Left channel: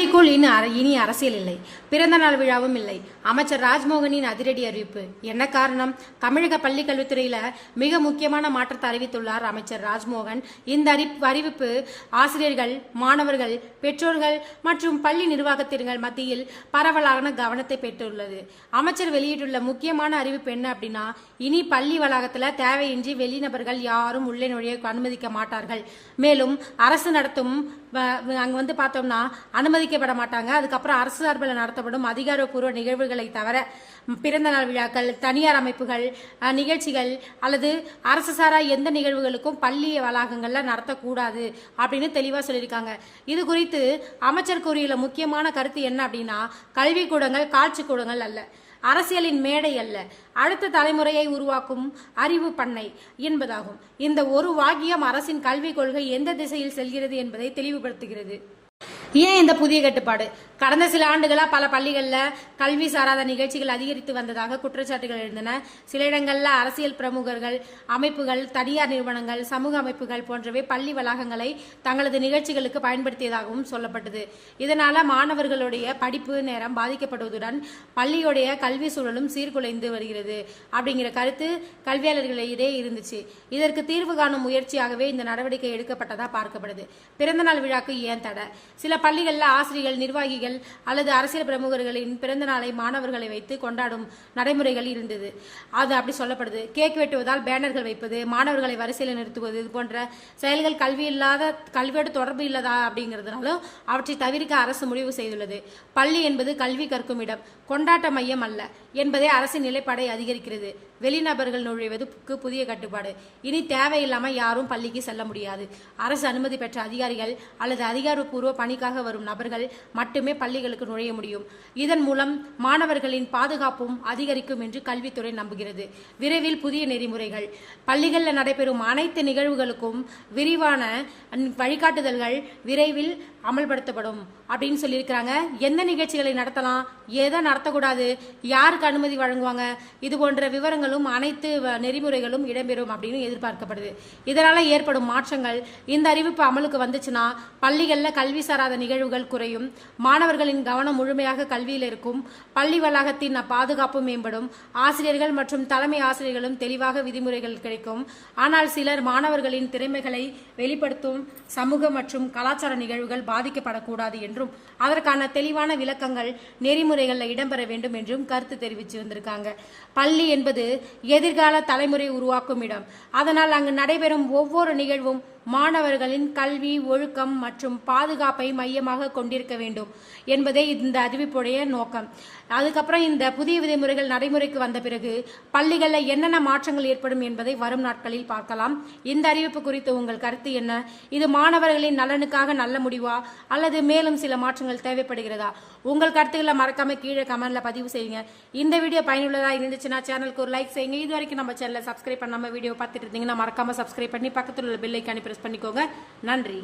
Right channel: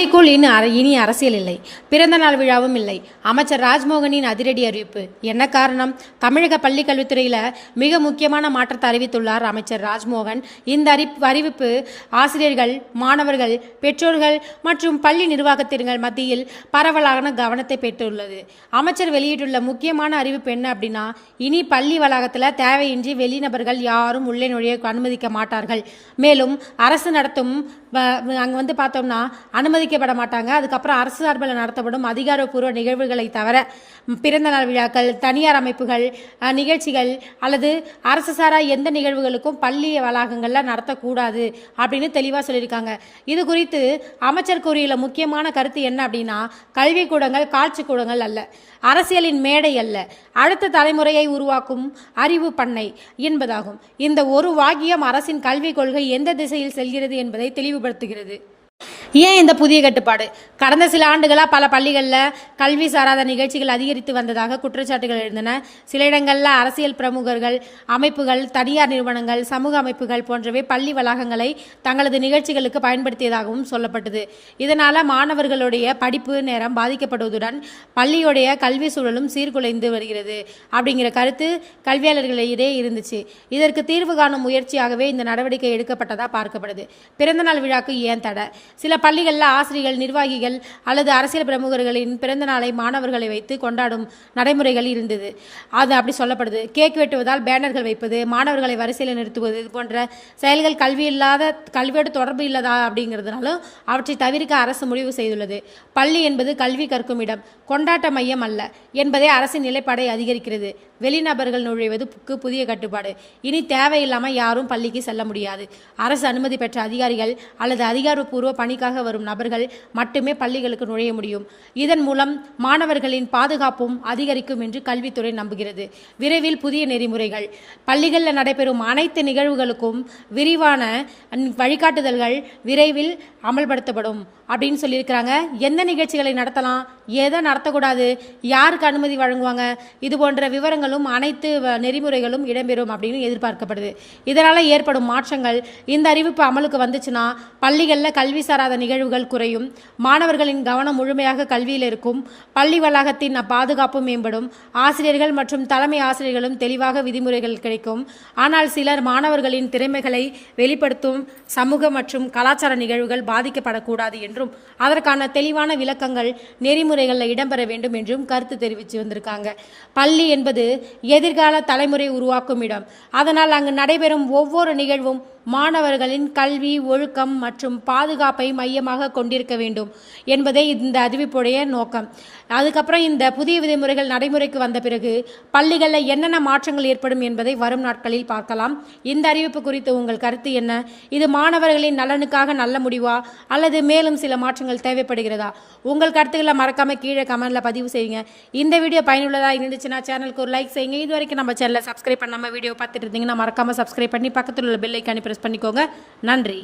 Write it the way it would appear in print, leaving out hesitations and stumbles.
பள்ளிக்குள் இனி அரசியல் இல்லை, பிறந்த நாள் விழாவும் இல்லை. அமைச்சர் ராஜ்மோகனின் அதிரடி அறிவிப்பு. என்ன காரணம்? தமிழக பள்ளி கல்வித்துறையில மிக முக்கியமான மாற்றத்தை அறிவித்துள்ளார் அமைச்சர் ராஜ்மோகன். இந்த அறிவிப்பு ஆசிரியர்கள், மாணவர்கள், பெற்றோர்கள் மற்றும் பள்ளி நிர்வாகத்தினர் மத்தியில் பரவலான கவனத்தை பெற்றுள்ளது. அமைச்சர் வெளியிட்டுள்ள முக்கியமான அறிவிப்பு என்ன அப்படின்னா, இனி பள்ளி வளாகத்தில் தேவையின்றி வெளிநபர்கள் யாரும் உள்ளே நுழைய அனுமதிக்க மாட்டார்கள். மேலும் அரசு நடத்தும் அங்கே பார்த்தோம்னா அனுமதிக்கப்பட மாட்டாங்க. அதுக்கப்புறம் அரசு சார்பில் நடத்தப்படும் அதிகாரப்பூர்வ நிகழ்வுகளை தவிர பிறந்தநாள் விழாக்கள், தனியார் அமைப்புகள் நிகழ்ச்சிகள் அல்லது அரசு சாரா எந்த நிகழ்வுகளுக்கும் பள்ளி வளாகங்களில் நடத்தக்கூடாது அப்படின்னு தெளிவாக சொல்லியிருக்காங்க. இது குறித்து அமைச்சர் கூறியுள்ள முக்கியமான கருத்து என்ன அப்படின்னா, கல்விக்கூடங்கள் காட்சி கூடங்கள் அல்ல, அரசியலின் மேடை அல்ல, அடுத்த தலைமுறையை உருவாக்கும் அறிவு பண்ணை என்பதாகும். இந்த ஒரு வாக்கியம் அரசின் கல்விக் கொள்கை எந்த திசையில் செல்கிறது என்பதை தெளிவுபடுத்துகிறது. ஏன் இந்த புதிய கட்டுப்பாடு? கடந்த சில ஆண்டுகளாக பல பள்ளிகளில் கல்வி சாராத நிகழ்ச்சிகள் அதிகரித்து வந்ததாக குற்றச்சாட்டுகள் எழுந்தன. சில இடங்களில் அரசியல் பிரமுகர்கள், அமைப்புகள், தனியார் நிறுவனங்கள், சமூக அமைப்புகள் போன்றவை பள்ளி வளாகங்களை தங்களது நிகழ்ச்சிகளுக்கு பயன்படுத்தியதாகவும் சொல்லப்பட்டது. இதனால் மாணவர்களுடைய படிப்பு நேரம் பாதிக்கப்படுவதுடன் பள்ளியுடைய கல்வி சூழலும் சீர்குலைந்து வருகிறது அப்படிங்கிற கருத்து கல்வியாளர்களிடையே இருந்துச்சு. இதற்கு தீர்வு காணும் முயற்சியாகவே இந்த நடவடிக்கை எடுக்கப்பட்டதாக பார்க்கப்படுது. பிறந்தநாள் விழாக்கு ஏன் தடை? சில பள்ளிகளில் ஆசிரியர்கள், நிர்வாகிகள் அல்லது அரசியல் பிரமுகர்களின் பிறந்த நாளை மாணவர்களை வைத்து கொண்டாடும் நடைமுறைகள் இருந்தது. அது அப்படி சொல்லப்படுது. கேக் வெட்டுவதால் பேனர்கள் வைப்பது, மாணவர்களை வரிசையில் நிறுத்துவது, இது போன்ற செயல்கள் கல்வியோடு தொடர்பு இல்லாதா அப்படிங்கிறதுனாலும் அவற்றை தவிர்க்க அரசு முடிவு செய்துள்ளது. பள்ளி என்பது கல்வி கற்கும் இடம், கொண்டாட்ட மையம் அல்ல என்பதே அரசின் நிலைப்பாடை அதிகரிக்கிறது. வெளிநபர்கள் நுழைவதுக்கு புதிய கட்டுப்பாடு. இனி தேவையில்லாமல் யாரும் பள்ளிக்கு செல்ல முடியாது. அரசு அனுமதி பெற்ற அதிகாரிகள் அல்லது அதிகாரப்பூர்வ பணிக்காக வரும் நபர்கள் மட்டுமே பள்ளிகளுக்கு நுழைய முடியும். இதன் மூலம் மாணவர்களின் பாதுகாப்பும் அதிகரிக்கும் என்று கல்வித்துறை நம்புகிறது. விரைவில் புதிய நெறிமுறைகள். பள்ளிகளில் நடைபெறும் அனைத்து நிகழ்வுகளுக்கும் விரிவான வழிகாட்டுதல்கள் விரைவில் அமல்படுத்தப்படும் அப்படின்னு சொல்லியிருக்கிறாங்க. எந்த நிகழ்ச்சிகளை நடத்தலாம், எதை நடத்தக்கூடாது, யாருக்கு அனுமதி வழங்குவாங்க, இது போன்ற விவரங்களும் அனைத்து நெறிமுறைகளும் இடம்பெறும் அப்படின்னு எதிர்பார்க்கப்படுது. இதனால் ஏற்படும் மாற்றங்கள். இந்த அறிவிப்பு அமலுக்கு வந்துச்சுன்னா பள்ளிகளில் கல்வி சாராத நிகழ்வுகள் குறையும், மாணவர்களின் கவனம் முழுமையாக கல்வியில் இருக்கும், பள்ளி வளாகத்தின் பாதுகாப்பு மேம்படும், ஆசிரியர்கள் மற்றும் தலைமை ஆசிரியர்களும் தெளிவாக விதிமுறைகள் கிடைக்கும். ஆனால் சிலர் மாணவர்களின் திறமைகளை வெளிப்படுத்தும் சமூக மற்றும் கலாச்சார நிகழ்வுகள் பாதிக்கப்படக்கூடாது என்றும் அதற்கான தெளிவான விளக்கங்கள் நெறிமுறைகளில் இடம்பெற வேண்டும் என்றும் கருத்து தெரிவித்து வந்திருக்காங்க. பள்ளி என்பது எதிர்கால தலைமுறை உருவாக்கும் இடம். அதனால் அங்கு நடைபெறும் ஒவ்வொரு நிகழ்வும் மாணவர்களின் கல்வி, ஒழுக்கம் மற்றும் பாதுகாப்பை மையமாக கொண்டிருக்க வேண்டும் என்பதே இந்த அறிவிப்புடைய நோக்கம். அதுக்கப்புறம் இந்த புதிய விதிமுறைகள் நடைமுறைக்கு வந்த பிறகு பள்ளிகளில் என்னென்ன மாற்றங்கள் ஏற்படும் என்பதை வரும் நாட்களில் பார்க்கலாம். இந்த அறிவிப்பு குறித்து உங்கள் கருத்து என்ன? இது மாணவர்களின் நலனுக்காக நல்ல முடிவா அல்லது மேலும் சில மாற்றங்கள் தேவைப்படுகிறதா? உங்கள் கருத்துக்களை மறக்காம கீழே கமெண்ட்ல பதிவு செய்யுங்க. இந்த வீடியோ பயனுள்ளதாக இருந்துச்சுன்னா சேனலுக்கு ஒரு லைக் செய்யுங்க. இது வரைக்கும் நம்ம சேனலை சப்ஸ்கிரைப் பண்ணாமல் வீடியோ பார்த்துட்டு இருந்தீங்கன்னா மறக்காம சப்ஸ்கிரைப் பண்ணி பக்கத்தில் உள்ள பெல் ஐக்கானை பிரஸ் பண்ணிக்கோங்க. நன்றி.